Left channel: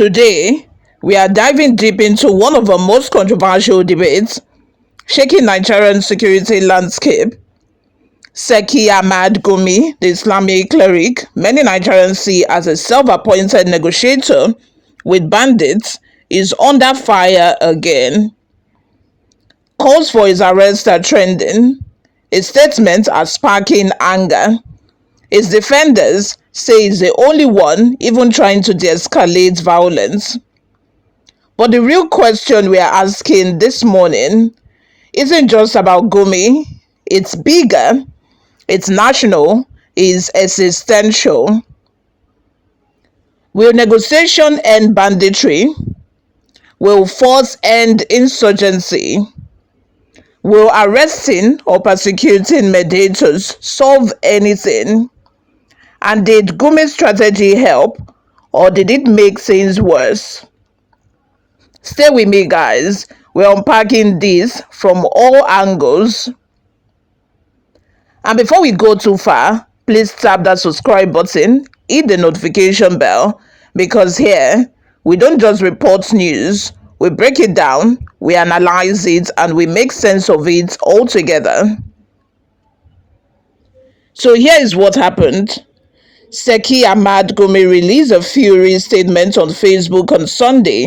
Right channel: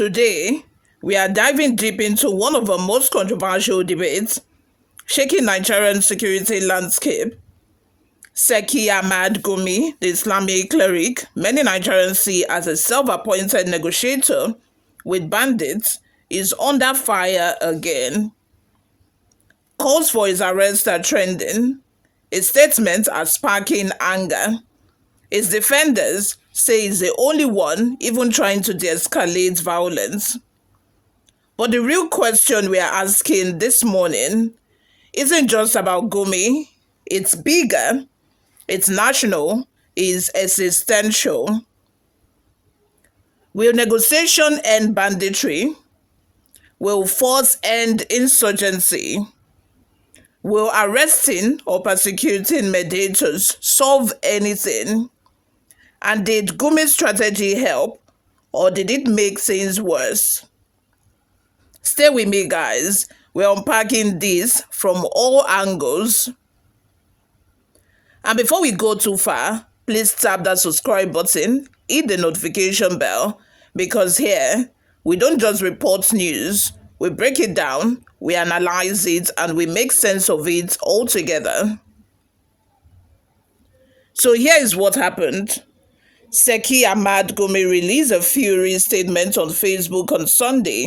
Today, we are diving deep into one of the most controversial debates shaking Nigerian security landscape. Sheikh Ahmad Gumi, the Islamic cleric many Nigerians see as a self-appointed negotiator with bandits, is under fire again. Calls for his arrest are trending. His statements are sparking anger. His defenders say he's the only one even trying to de-escalate violence. But the real question we are asking this morning isn't just about Gumi. It's bigger, it's national, it's existential. Will negotiation end banditry? Will force end insurgency? Will arresting or persecuting mediators solve anything? And did Gumi's strategy help, or did it make things worse? Stay with me, guys. We're unpacking this from all angles. And before we go too far, please tap that subscribe button, hit the notification bell, because here, we don't just report news, we break it down, we analyze it, and we make sense of it all together. So here is what happened. Sheikh Ahmad Gumi released a fury statement on Facebook on Sunday.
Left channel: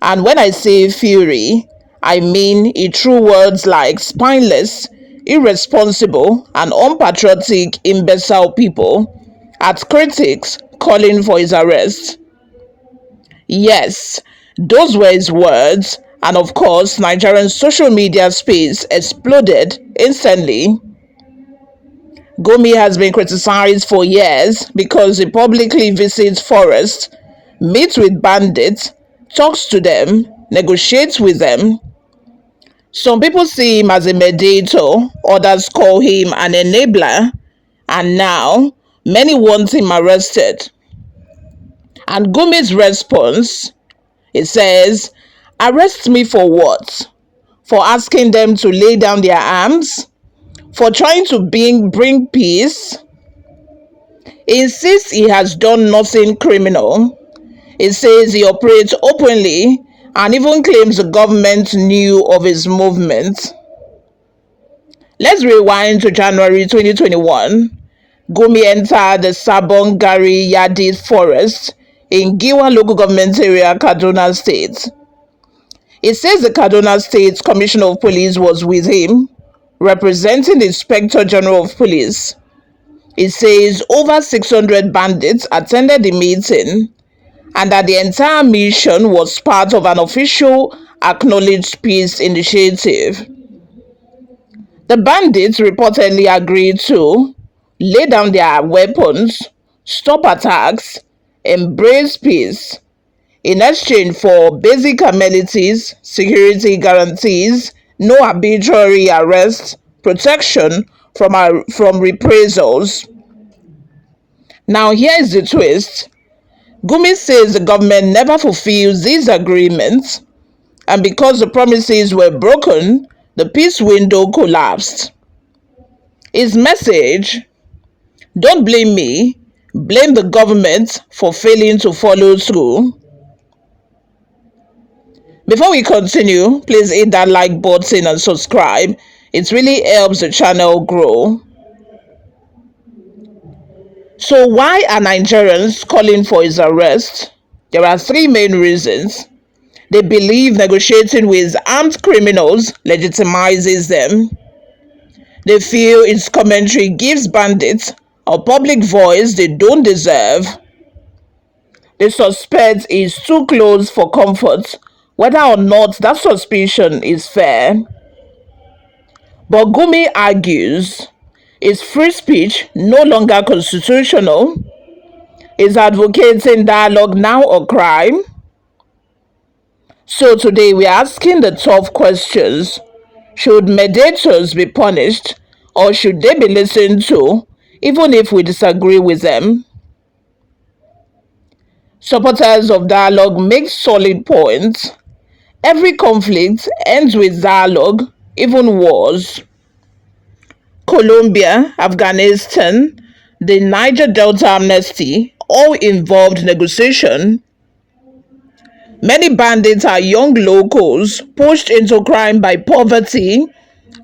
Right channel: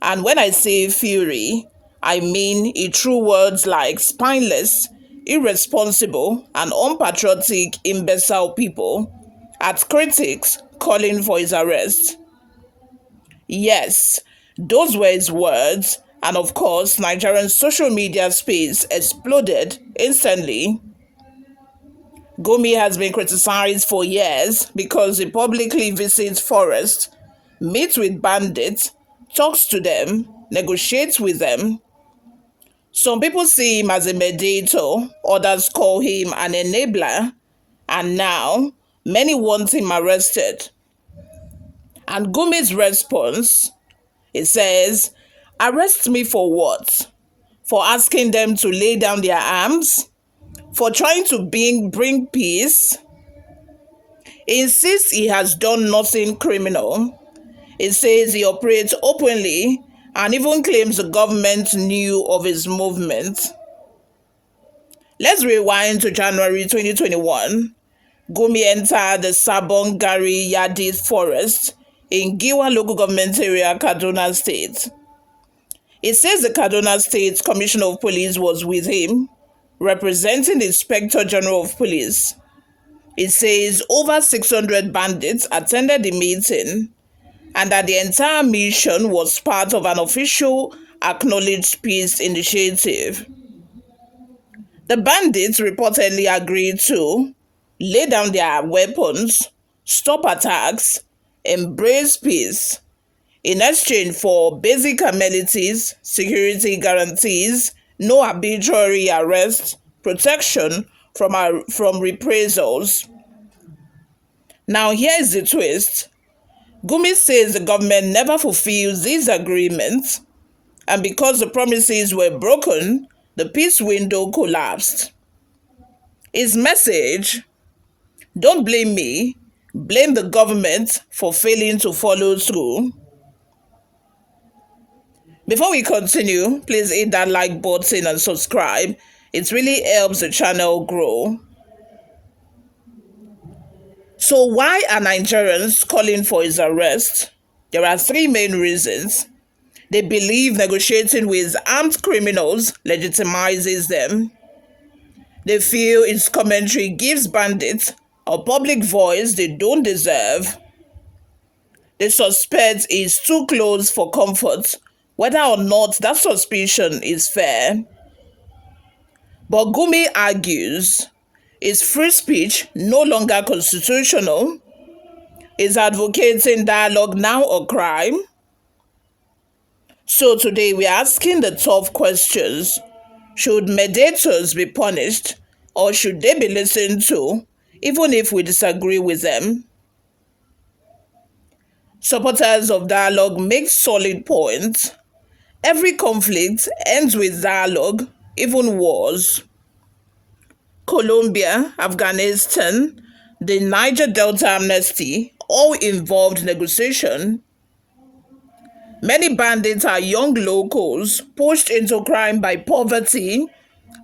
And when I say fury, I mean he threw words like spineless, irresponsible, and unpatriotic imbecile people at critics calling for his arrest. Yes, those were his words, and of course, Nigerian social media space exploded instantly. Gumi has been criticized for years because he publicly visits forests, meets with bandits, talks to them, negotiates with them. Some people see him as a mediator, others call him an enabler, and now many want him arrested. And Gumi's response, it says, arrest me for what? For asking them to lay down their arms? For trying to bring peace? He insists he has done nothing criminal. He says he operates openly and even claims the government knew of his movement. Let's rewind to January 2021. Gumi entered the Sabon Gari Yadid forest in Giwa local government area, Kaduna State. It says the Kaduna State Commissioner of Police was with him, representing the Inspector General of Police. It says over 600 bandits attended the meeting and that the entire mission was part of an official acknowledged peace initiative. The bandits reportedly agreed to lay down their weapons, stop attacks, embrace peace, in exchange for basic amenities, security guarantees, no arbitrary arrest, protection from reprisals. Now here is the twist. Gumi says the government never fulfills these agreements, and because the promises were broken, the peace window collapsed. His message: don't blame me, blame the government for failing to follow through. Before we continue, please hit that like button and subscribe. It really helps the channel grow. So why are Nigerians calling for his arrest? There are three main reasons. They believe negotiating with armed criminals legitimizes them. They feel its commentary gives bandits a public voice they don't deserve. They suspect it's too close for comfort, whether or not that suspicion is fair. But Gumi argues, is free speech no longer constitutional? Is advocating dialogue now a crime? So today we are asking the tough questions. Should mediators be punished, or should they be listened to, even if we disagree with them? Supporters of dialogue make solid points. Every conflict ends with dialogue, even wars. Colombia, Afghanistan, the Niger Delta amnesty all involved negotiation. Many bandits are young locals pushed into crime by poverty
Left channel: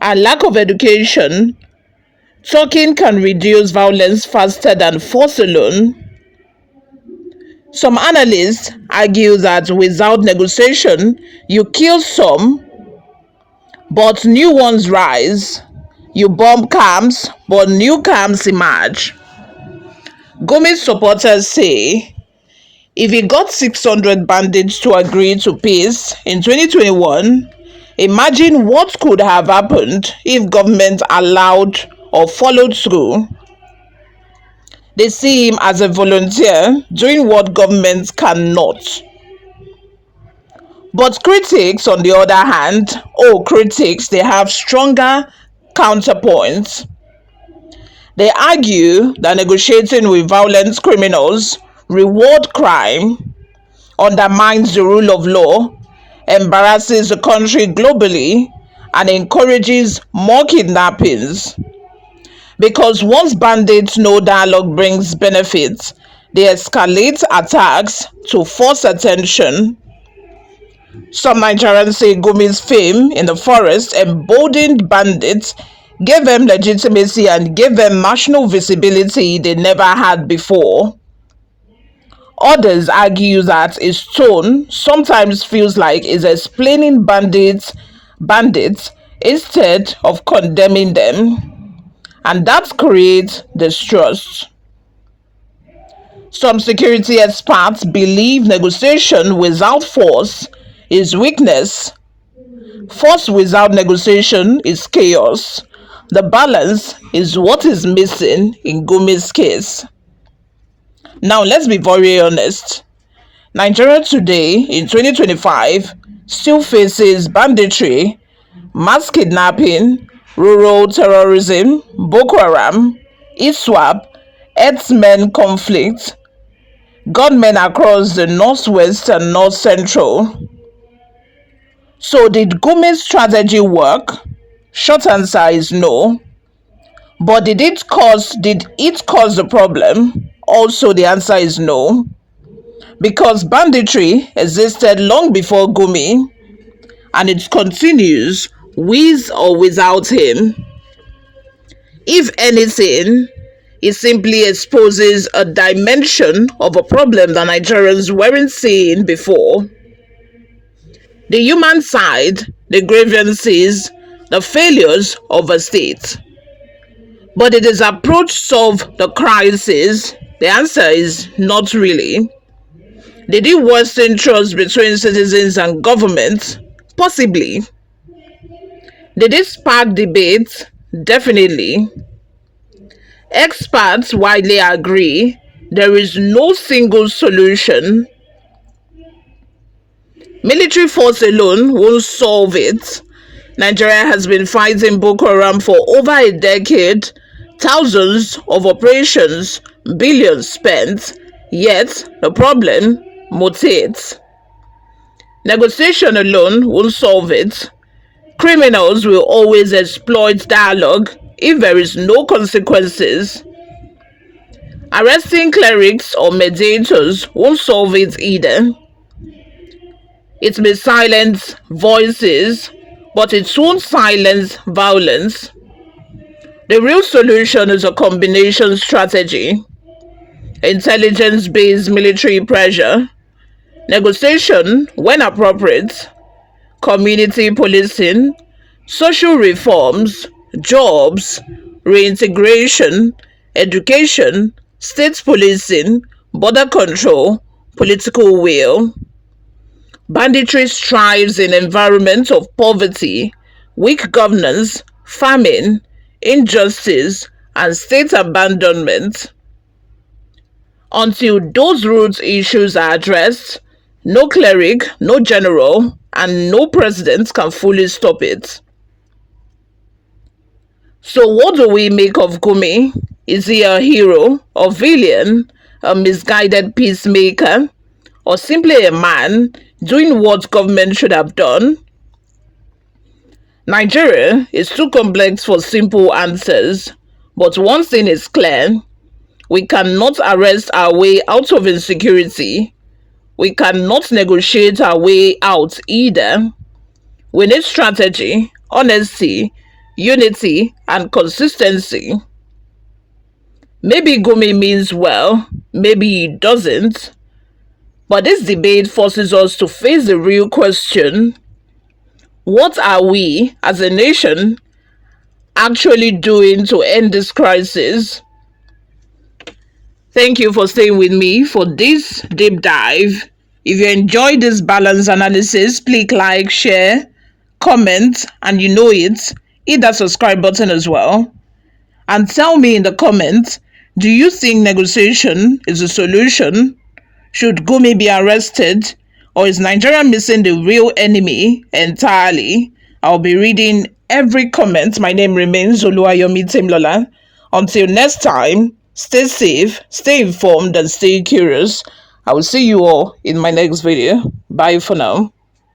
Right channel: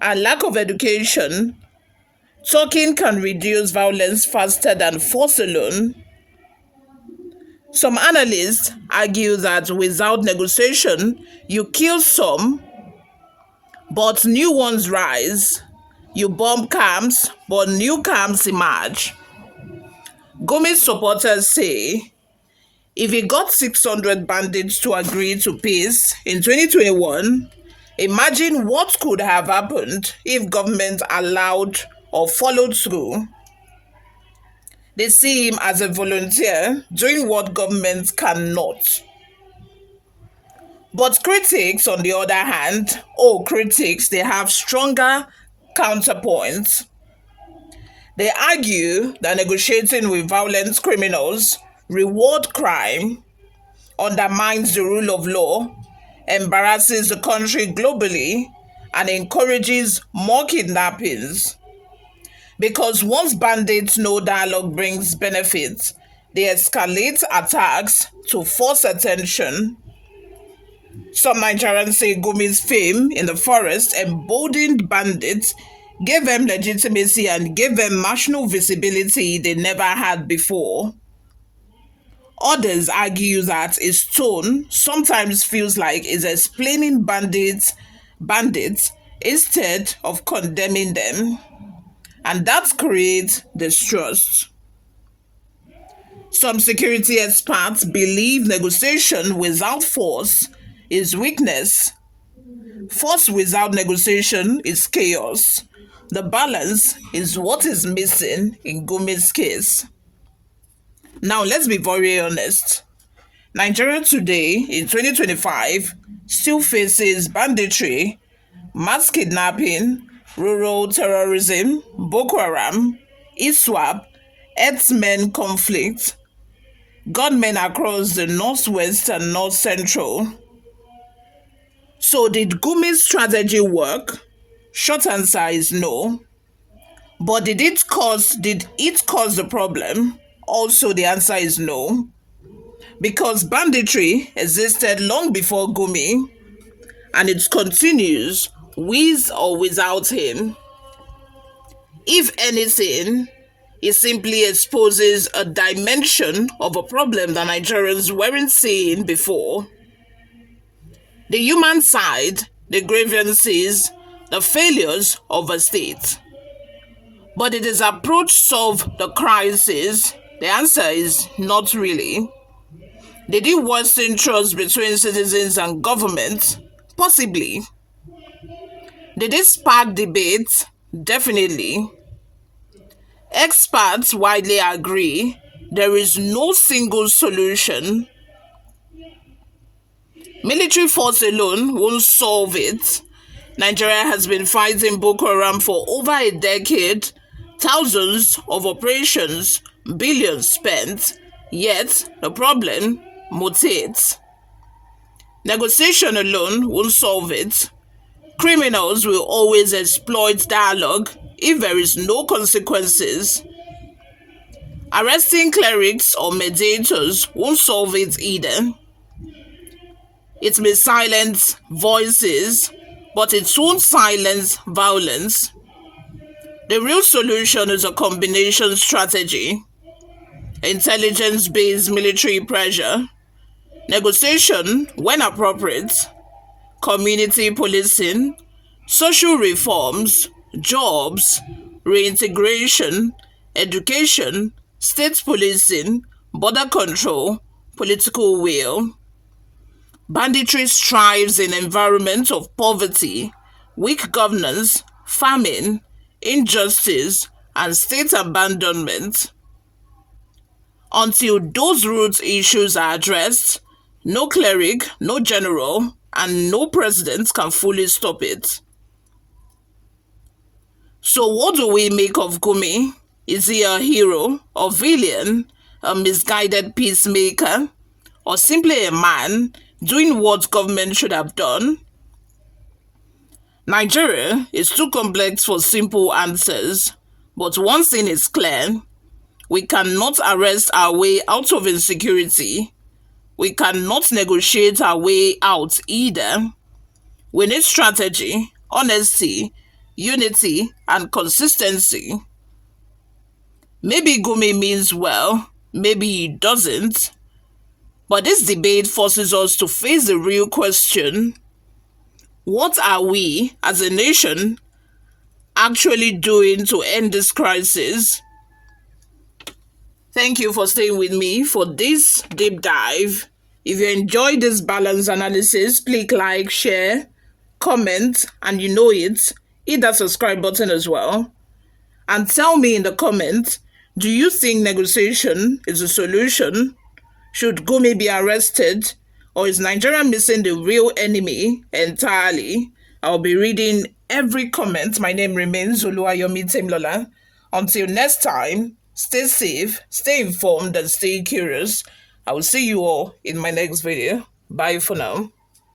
and lack of education. Talking can reduce violence faster than force alone. Some analysts argue that without negotiation, you kill some, but new ones rise. You bomb camps, but new camps emerge. Gumi's supporters say if he got 600 bandits to agree to peace in 2021, imagine what could have happened if government allowed or followed through. They see him as a volunteer doing what government cannot. But critics, on the other hand, they have stronger counterpoints. They argue that negotiating with violent criminals reward crime, undermines the rule of law, embarrasses the country globally, and encourages more kidnappings. Because once bandits know dialogue brings benefits, they escalate attacks to force attention. Some Nigerians say Gumi's fame in the forest emboldened bandits, gave them legitimacy, and gave them national visibility they never had before. Others argue that his tone sometimes feels like he's explaining bandits instead of condemning them, and that creates distrust. Some security experts believe negotiation without force is weakness. Force without negotiation is chaos. The balance is what is missing in Gumi's case. Now, let's be very honest. Nigeria today, in 2025, still faces banditry, mass kidnapping, rural terrorism, Boko Haram, ISWAP, herdsmen conflict, gunmen across the northwest and north central. So, did Gumi's strategy work? Short answer is no. But did it cause the problem? Also, the answer is no. Because banditry existed long before Gumi, and it continues with or without him. If anything, it simply exposes a dimension of a problem that Nigerians weren't seeing before. The human side, the grievances, the failures of a state. But did his approach solve the crisis? The answer is not really. Did it worsen trust between citizens and government? Possibly. Did it spark debate? Definitely. Experts widely agree there is no single solution. Military force alone won't solve it. Nigeria has been fighting Boko Haram for over a decade, thousands of operations, billions spent, yet the problem mutates. Negotiation alone won't solve it. Criminals will always exploit dialogue if there is no consequences. Arresting clerics or mediators won't solve it either. It may silence voices, but it won't silence violence. The real solution is a combination strategy: intelligence-based military pressure, negotiation when appropriate, community policing, social reforms, jobs, reintegration, education, state policing, border control, political will. Banditry thrives in environments of poverty, weak governance, famine, injustice, and state abandonment. Until those root issues are addressed, no cleric, no general, and no president can fully stop it. So what do we make of Gumi? Is he a hero, a villain, a misguided peacemaker, or simply a man doing what government should have done? Nigeria is too complex for simple answers, but one thing is clear: we cannot arrest our way out of insecurity. We cannot negotiate our way out either. We need strategy, honesty, unity, and consistency. Maybe Gumi means well, maybe he doesn't. But this debate forces us to face the real question: what are we, as a nation, actually doing to end this crisis? Thank you for staying with me for this deep dive. If you enjoyed this balanced analysis, please like, share, comment, and you know it, hit that subscribe button as well. And tell me in the comments, do you think negotiation is a solution? Should Gumi be arrested? Or is Nigeria missing the real enemy entirely? I'll be reading every comment. My name remains Oluwayomi Temlola. Until next time, stay safe, stay informed, and stay curious. I will see you all in my next video. Bye for now.